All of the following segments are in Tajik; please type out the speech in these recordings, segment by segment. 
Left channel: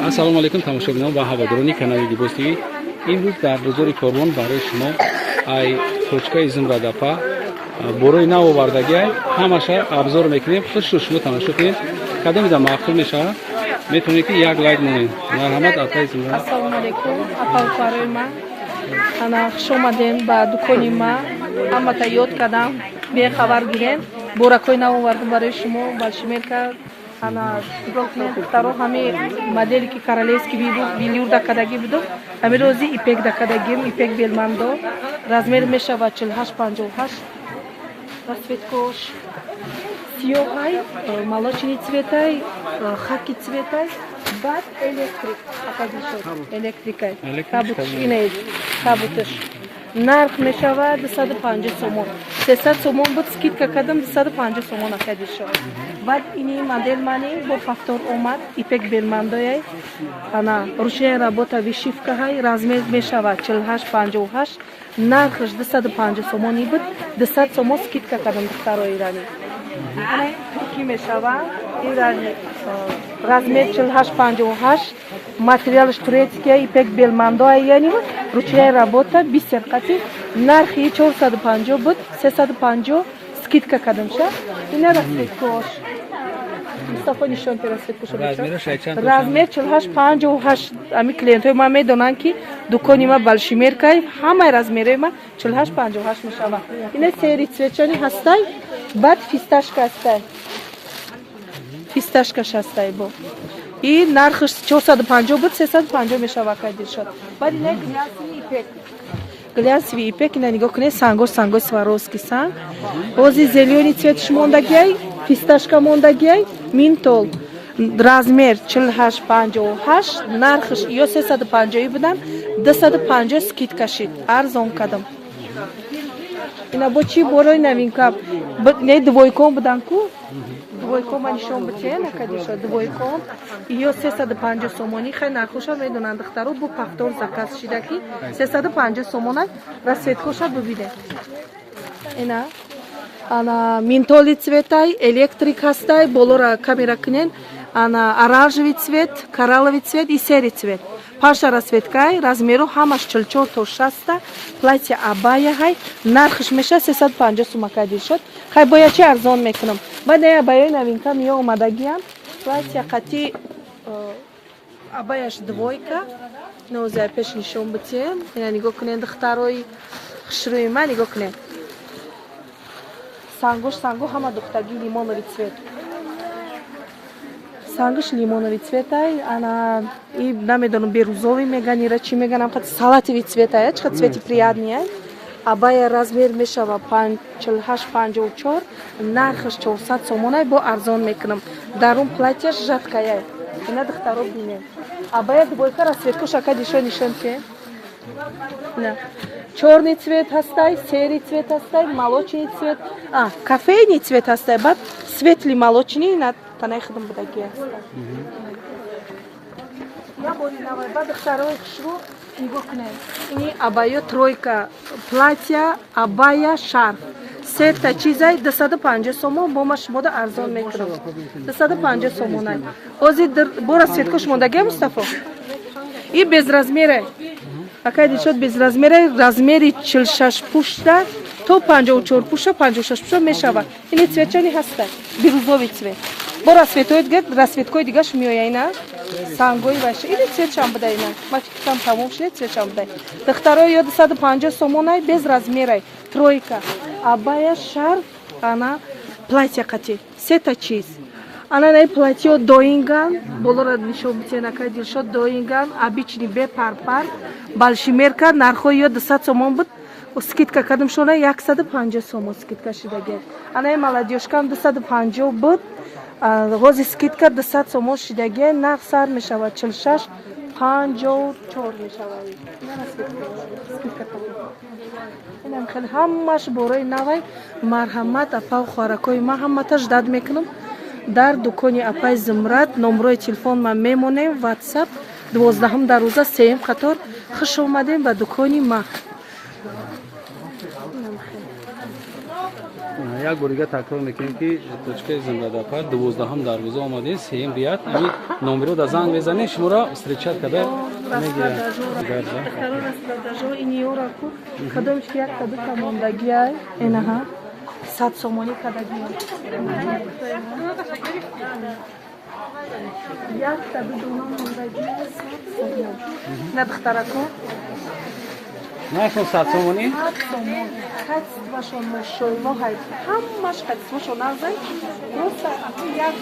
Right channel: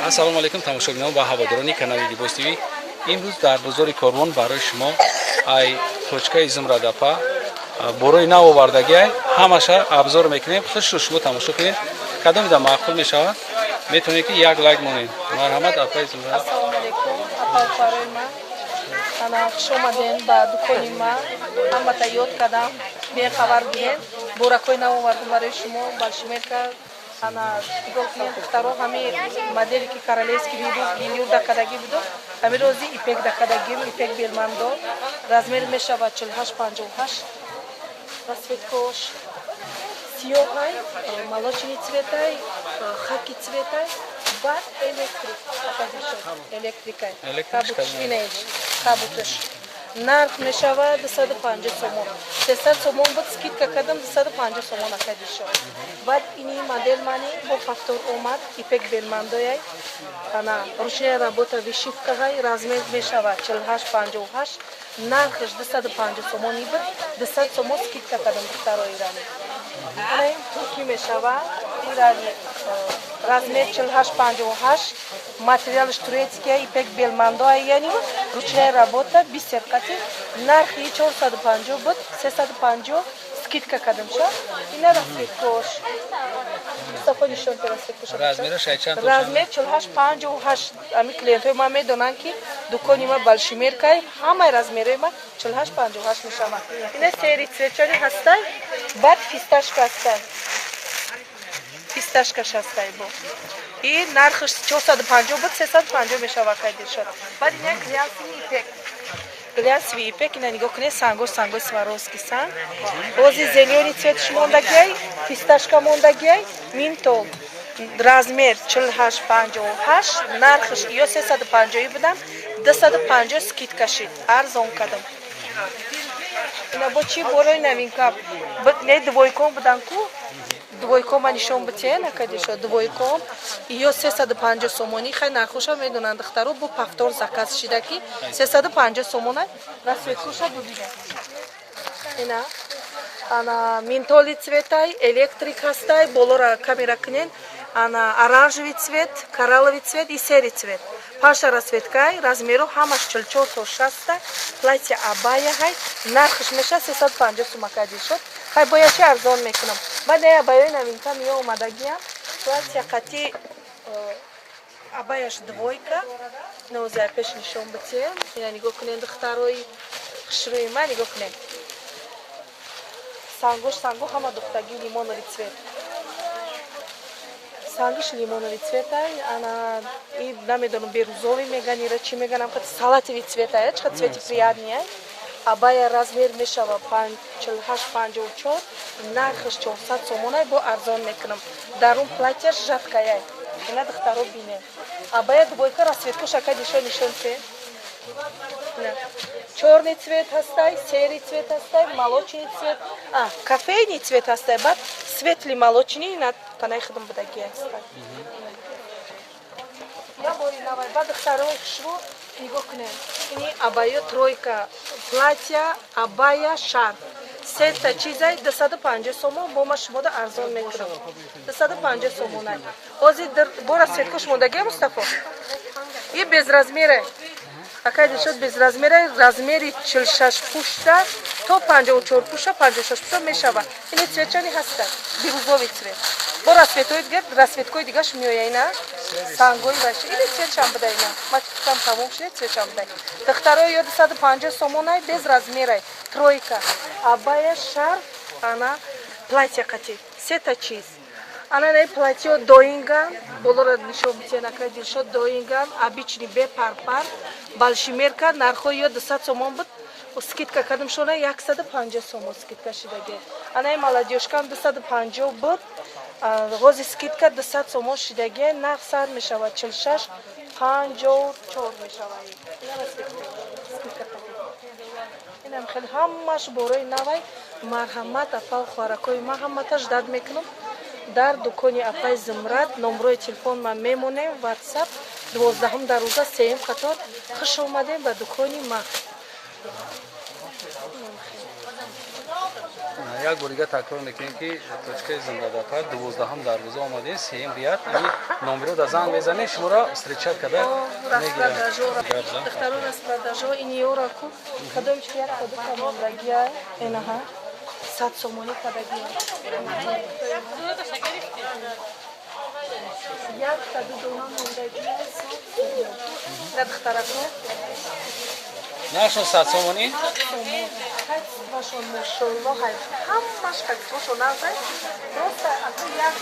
ассалому алайкум тамошобинон ва ҳаводорони канали Либос ТВ. имрӯз дар бозори Корвон барои шумо ай точкаи Зумрадапа борои нав овардагӣ ҳамаша абзор мекунем. хушро шумо тамошо кунед. Кадомида маъқул мешавад? метавонед ки як лайк монед. марҳамат апай Зумрад. Ассалому алайкум. Апай карои ман. Ана хуш омадем ба дукони ман. Ҳамата ёд кардам. Бехабар гирем. Боракои нав овардам барои шумо. Большимерка ана духтаро ҳами модели ки королевский билюр дакадагӣ буду. ҳами рози ипек дакадагим. Ипек белмандо. размер мешавад 48-58. Расцветкош сиёҳай, молочный цветай, хаки цветай, бад электрик, электрикай. Кабутош. Нарх мешавад 250 сомон. 300 сомон буд, скидка кардам 250 сомон акади шуд. Бад ини модель мани бо повтор омад, ипек белмандояй. Ана ручная работа вишивкаҳай, размер мешавад 48-58. Нархаш 250 сомони буд, 200 сомон скидка кардам духтарои рани. Ана турки мешавад, ирани размер 48-58. Материалш турецкий, ипек белмандояй, яни ручная работа, бисеркати. Нархи 450 буд, 350 скидка кардам ша. Ина расцветкош. Мустафо нишон расцветкош. Размер 48-58. Ами клиентои ман медонанд ки дукони ман Большимеркай, ҳамаи размерои ман 48-58 мешавад. Ина сери цветчани ҳастай, бад фисташка ҳастай. Фисташкаш ҳастай бо. И нархаш 450 буд, 350 мешавад кайдишад. Бад ина глянцевый ипек. Глянцевый ипек, ина нигоҳ кунед, сангош Сваровский санг. Рози зеленый цветш мондагиай, фисташка мондагиай, минтол. Размер 48-58, нархаш ё 350 будам, 250 скидка шид. Арзон кардам. Ина бо чӣ борои новинка? Не двойкон будан ку? Двойкон ма нишон битен, акадиша двойкон. Ё 350 сомони, хай нархоша медонанд духтаро бу повтор заказ шида ки 350 сомона расцветкоша бубиде. Ина ана минтоли цветай, электрик ҳастай, болора камера кунен. Ана оранжевый цвет, коралловый цвет и серый цвет. Паша расцветкай, размеру ҳамаш 44 то 60, платье абая ҳай, нархш меша 350 сум акадишад. Хай боя чи арзон мекунам. Ман не абаяи новинка миё омадагиам. Платье қати абаяш двойка. Нозя пеш нишон битем. Ина нигоҳ кунед духтарои хушрӯи ман нигоҳ кунед. Сангош ҳама духтаги лимоновый цвет. Сангиш лимоновый цветай, ана и намедонам берузовый меган, ира чи меганам, салатовый цветай, чқа цвети приятный. Абая размер мешава 48-54, нархаш 400 сомонай, бо арзон мекунам. Дарун платьяш жаткаяй. Ина духтаро бинем. Абая двойка расцветкош акадиша нишонте. Черный цвет ҳастай, серый цвет ҳастай, молочный цвет, кофейный цвет ҳастай, бад светлый молочный на танаи худам будаги ҳастай. Я бори навай, бад духтарои хушрӯ нигоҳ кунед. Ини абая тройка, платья, абая, шарф. Сета чизай 250 сомон, бо ма шумода арзон мекунам. 250 сомонай. Ози бо расцветкош мондаги Мустафо? И без размера. Акади шуд без размера, размери 46 пушта то 54 пушта, 56 пушта мешава. Ини цветчани ҳаста, бирузовый цвет. Бо расцветоид гад, расцветкои дигаш миёяй на сангои ваши. Ини цветчан будай на. Мачкам тамом шуд, цветчан будай. Духтаро ё 250 сомонай без размерай. Тройка. Абая, шарф, ана платья қати. Сета чиз. Ана най платье доинган, болора нишон битен акади шуд доинган, обычный бе пар. Большимерка нархо ё 200 сомон буд, скидка кардам шона 150 сомон скидка шидаги. Ана молодежкам 250 буд, рози скидка 200 сомон шидаги, нарх сар мешавад 46-54 мешавад. Скидка кардам. Инам хеле ҳамаш борои навай марҳамат апа хӯракои ма ҳаматаш дад мекунам. Дар дукони апай Зумрад номрои телефон ман мемонем, WhatsApp 12 дароза 3 қатор. Хуш омадем ба дукони ма. یک بار دیگه تکرار میکنیم که توچکه زندادپا 12 دروازه آمدین، سیم بیاد این نمره رو در زنگ بزنید شما را استریچر کده میگیره. گرزه Второй раз продажу и не уроку. Когда у тебя когда командагия, инаха, сад сомони кадагия. Я когда дома командагия, сад сомони. Надхтараку. нашон сатсомони Сад сомони. Хат вашон мошой, мохай. Хамаш хат вашон назай. Просто ако як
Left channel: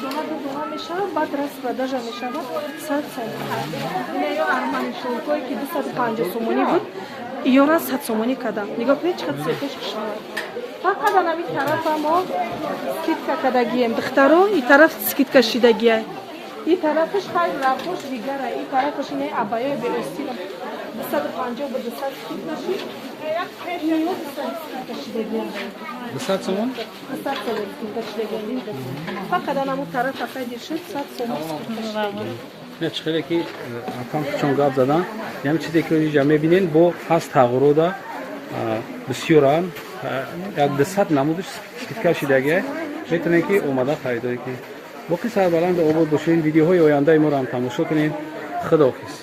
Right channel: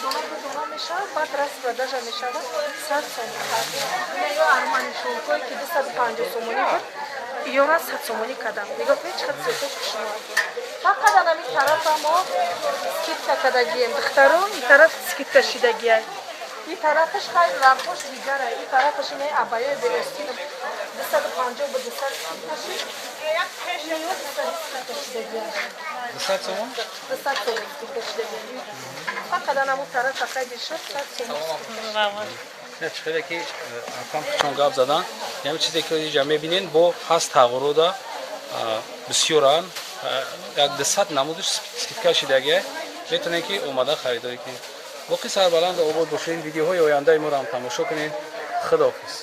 дома мешава, бад раз продажа мешава, сад сомони. Я армани шолкой ки 250 сомони буд. Ёна 100 сомони кадам. Нигоҳ кунед чӣ қадр сетош кушмо. Фақат анами тарафа мо скидка кадагием. Духтарон и тараф скидка шидагия. И тарафаш хайр рафош дигара. И тарафаш не абаёй бе остинам. 250 буд 200 скидка шид. И ёна 200 скидка шидагия. 200 сомон 200 сомон скидка шидагия. Фақат анамо тарафа хайр шид 100 сомон. نه چخیره که اپام چون گاب زدن یعنی چیزی که اینجا میبینین با هست تغییر دا بسیارن یک 200 نمودش سکیت شدگی میتونه که اومده خریداری کنید. باقی سربلند آباد باشین. ویدیوهای آینده ما رو هم تماشا کنین. خداحافظ.